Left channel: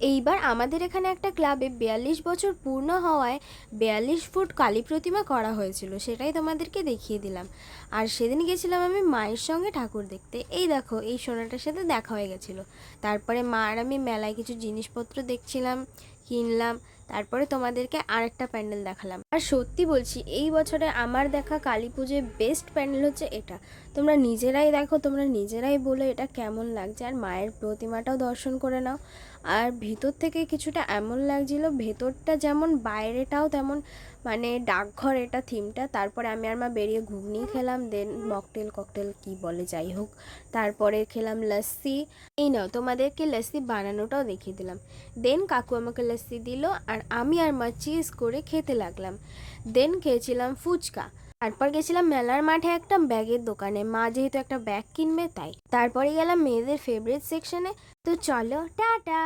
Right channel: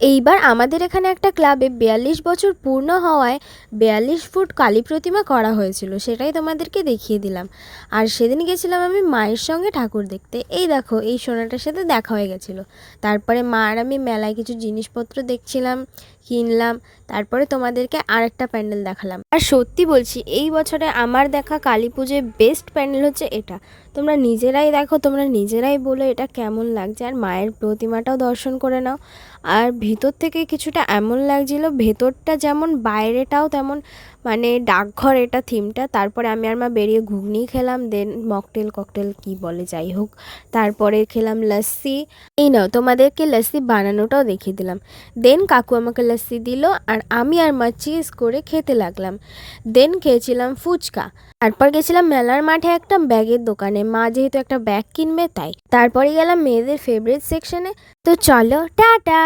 এইবার আমাদের এখানে একটা ক্লাবে 42 বছর পূর্ণ হওয়ায় 42 ফুট কালী প্রতিমা করা হয়েছিল, সেটাই তোমাদেরকে দেখিয়ে দিলাম। আর সেদিন গেছিলাম আমি মায়ের সঙ্গে ঠাকুর দেখতে। এই দেখো, এই সোনাটার সাথে দেখা হয়ে গেছিলো। তারপরে মা আর আমি মেলায় কিছু জিনিসপত্র দেখছিলাম, কিনলাম। তারপরে তোমাদেরকে আরেকটা প্যান্ডেল দেখালাম। আর সত্যি বলছি, এই বছরে আমার দেখা কালী পুজোয় বেস্ট প্যান্ডেল হচ্ছে এটা। তোমরা নিজেরাই দেখো, তোমরা নিজেরাই বলো এটা কেমন লাগছে। আর মায়ের প্রতিমাটাও দর্শন করে নাও। আর ভেতর থেকে কিছুটা এমন লাগছিল, ভেতরটা যেমন বাইরেটাও তেমন, মানে ডাকঘর এটা থিমটা। তারপরে আমি আর মা বেরিয়ে ঘুগনি খেলাম, দেন মকটেল ককটেল কি বলে যাই হোক, তারপরে খেলাম লস্যি। এই নাও, তোমাদেরকে লস্যি বানানোটাও দেখিয়ে দিলাম। দেন কাকু আমাকে লস্যি দিল, আর আমি আর মা চিজ করে খেতে লাগলাম। দেন খেয়েছিলাম ফুচকা। তারপর গেছিলাম মেলার মাঠে একটা ব্যাগের দোকানে, মা যেহেতু একটা ব্যাগ কিনবে তাই। তারপরে গেলাম মেয়েদের ফেভারিট সেকশনে। তো চলো, টাটা।